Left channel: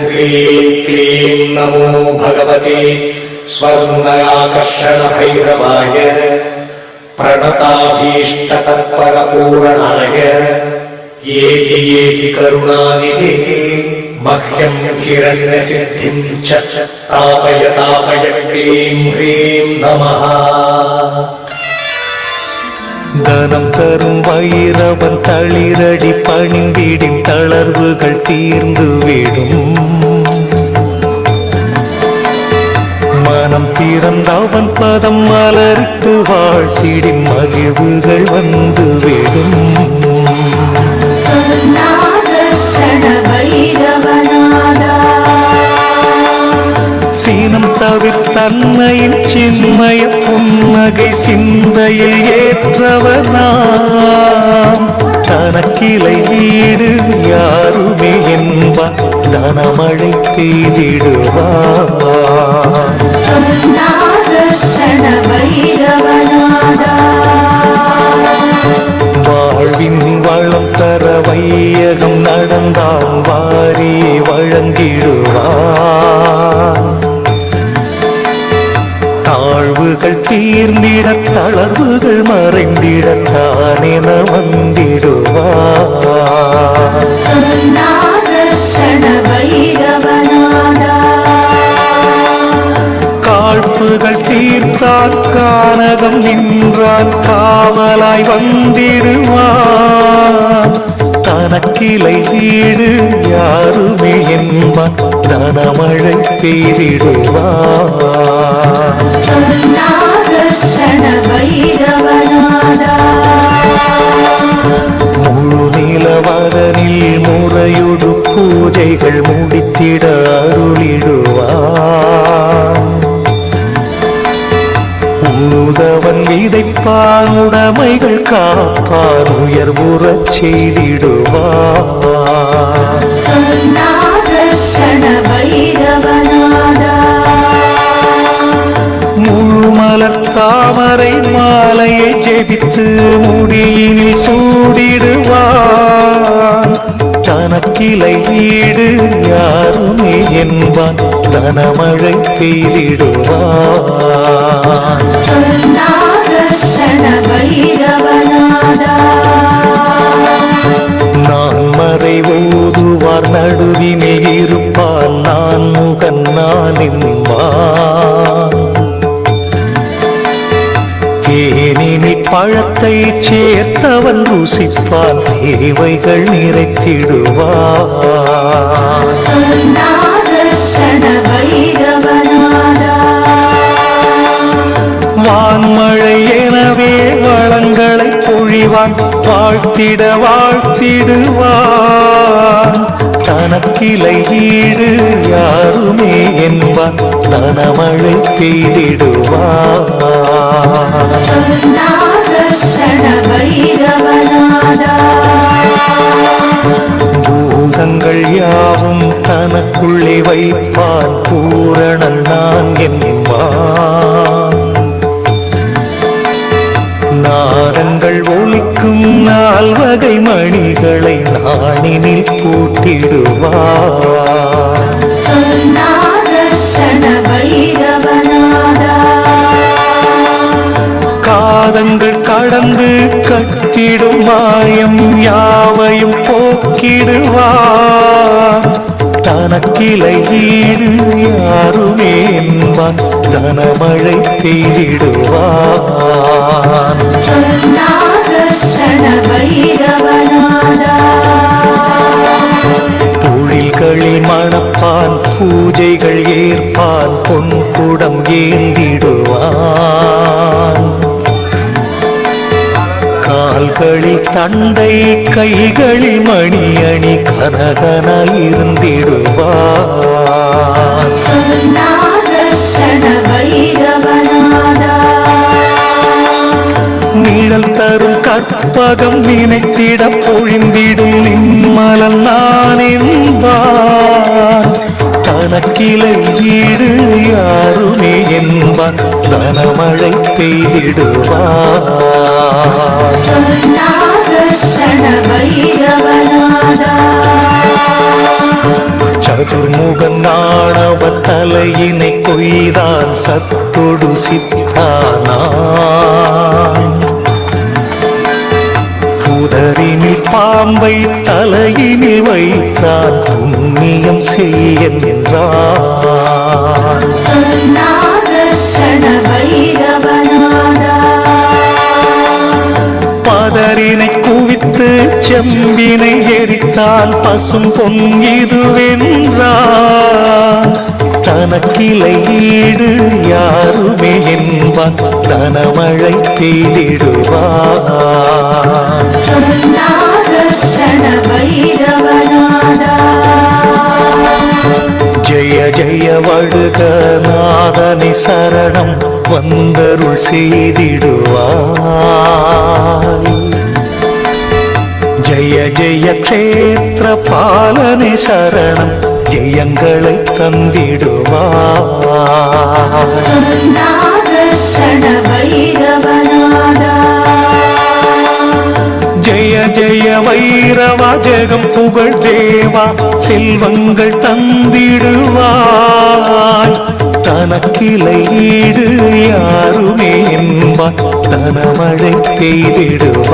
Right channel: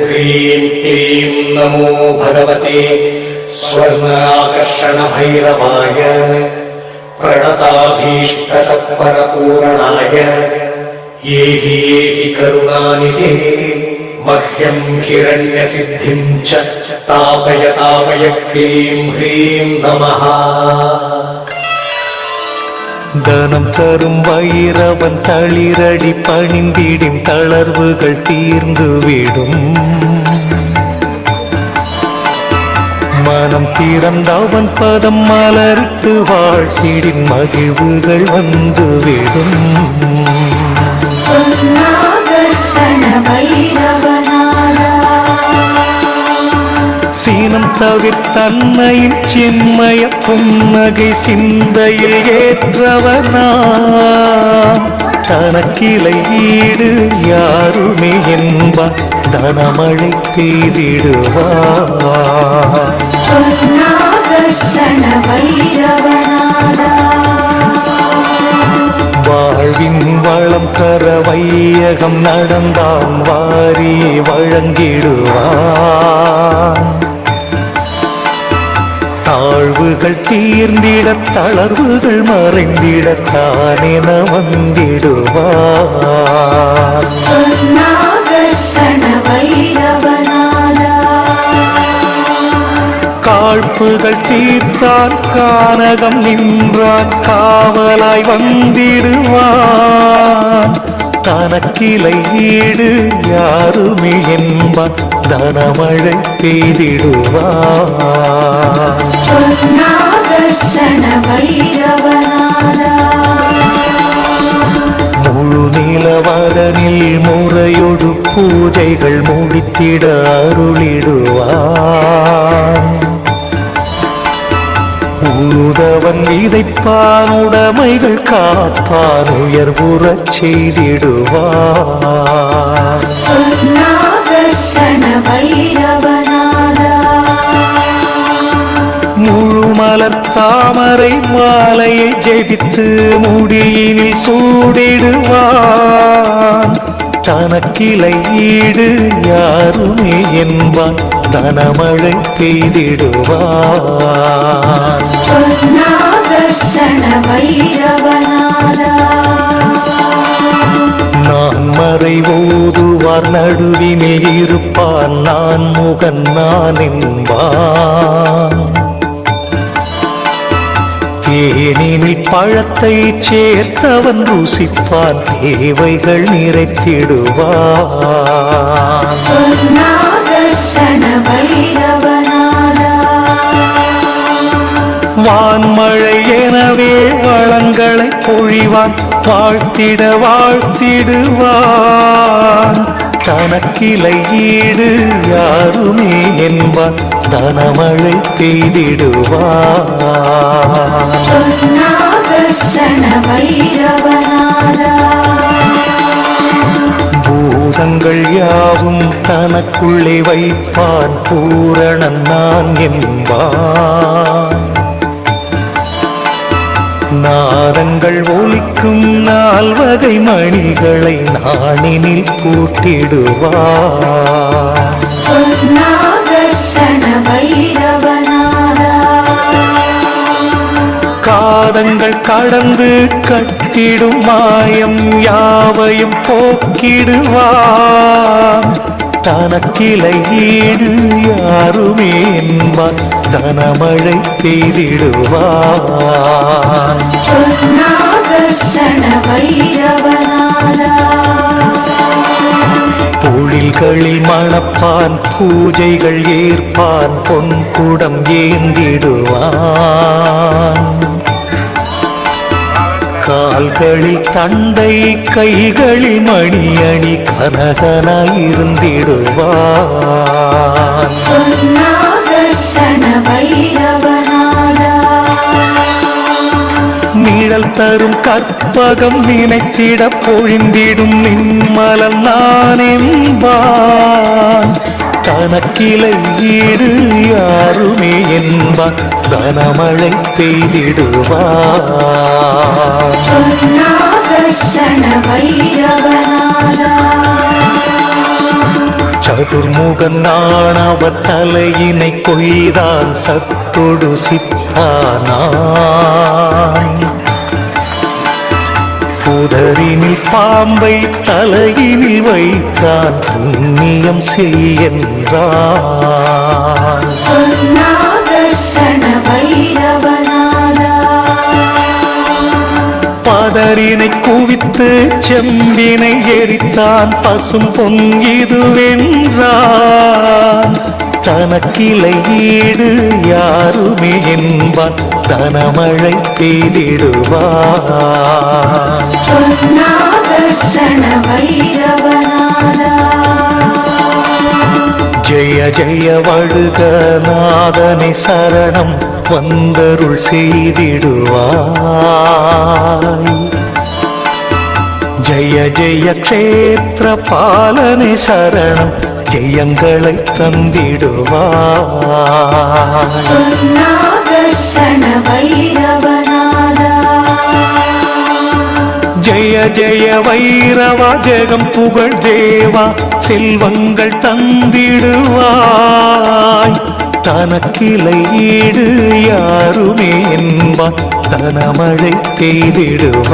ह्रीं क्लीं नमो भगवते स्वर्णाकर्षणभैरवाय प्रणताभीष्टतत्परपूरणाय येहि करुणानिधे मह्यं हिरण्यसिद्धिं च तापय तापय क्लीं ह्रीं नमः। தனம் தரும் வைரவன் தளிரடி பணிந்திடும் தளர்வுகள் தீர்ந்துவிடும். மனம் திறந்தவன் பதம் மலரிட்டு வாழ்த்திடும் மகிழ்வுகள் வந்துவிடும். சீனம் தவிர்த்தன்னையின் சின்மய புன்னகை சிந்தையில் ஏற்றவனாம். தனக்கிளை ஈடு யாருமே என்பார் தனமழை பெய்திடுவார். வாழ்வின் வளம் தர வையகம் நடந்தான் வாரியை வழங்கிடுவான். தாழ்வுகள் தீர்ந்திட தளர்வுகள் மறைந்திடத்தானென வந்திடுவார். காழ்ப்புகள் தீர்த்தான் கானகம் நின்றான் காவலாய் வந்திடுவான். தனக்கிளை ஈடு யாருமே என்பான் தனமழை பெய்திடுவான். முழு நிலவதனில் முறையொடு பூஜைகள் முடித்திட அருளிடுவான். உழுதவன் விதைப்பான் உடைமைகள் காப்பான் உயர்வுறச் செய்திடுவான். முழுமலர் தாமரை மாலையை ஜெபித்து முடியினில் சூடிடுவான். தனக்கிளை ஈடு யாருமே என்பான் தனமழை பெய்திடுவான். நான் மறை ஓதுவார் நடுவினில் இருப்பான் நான் முகன் நான் என்பான். தேனினில் பழத்தை சேர்த்தவன் ருசிப்பான் தேவைகள் நிறைத்திடுவான். வான்மழை எனவே வளங்களை பொழிவான் வாழ்த்திட வாழ்த்திடுவான். தனக்கிளை ஈடு யாருமே என்பான் தனமழை பெய்திடுவான். பூதங்கள் யாவும் தனக்குள்ளே வைப்பான் பூரணன் நான் என்பான். நாதங்கள் ஒலிக்கும் நால்வகை மணிகளை நாணினில் பூட்டிடுவான். காதங்கள் கடந்து கட்டிடும் மாயம் யாவையும் போக்கிடுவான். தனக்கிளை ஈடு யாருமே என்பான் தனமழை பெய்திடுவான். பொழில்களில் மணப்பான் பூஜைகள் ஏற்பான் பொன்குடம் ஏந்திடுவான். கால்களில் தண்டை கைகளில் மணி அணி கனகனாயிருந்திடுவான். நிழல் தரும் கற்பகம் நினைத்திட பொழிந்திடும் நின்மலன் நான் என்பான். தனக்கிளை ஈடு யாருமே என்பான் தனமழை பெய்திடுவான். சதுர்முகன் ஆணவ தலையினை கொய்தான் சத்தொடு சித்தானான். புதரினில் பாம்பை தலையினில் வைத்தான் புண்ணியம் செய்கின்றான். பதரினை குவித்து செம்பினை எரித்தான் பசும் பொன் இதுவென்றான். தனக்கிளை ஈடு யாருமே என்பான் தனமழை பெய்திடுவான். ஜெய ஜெய வடுக நாதனை சரணம் வந்தருள் செய்திடுவாய். ஜெய ஜெய க்ஷேத்திர பாலனை சரணம் ஜெயங்களை தந்திடுவாய். ஜெய ஜெய வைரவா ஜெகம் புகழ் தேவா செல்வங்கள் தந்திடுவாய். தனக்கிளை ஈடு யாருமே என்பார் தனமழை பெய்திடுவாய்.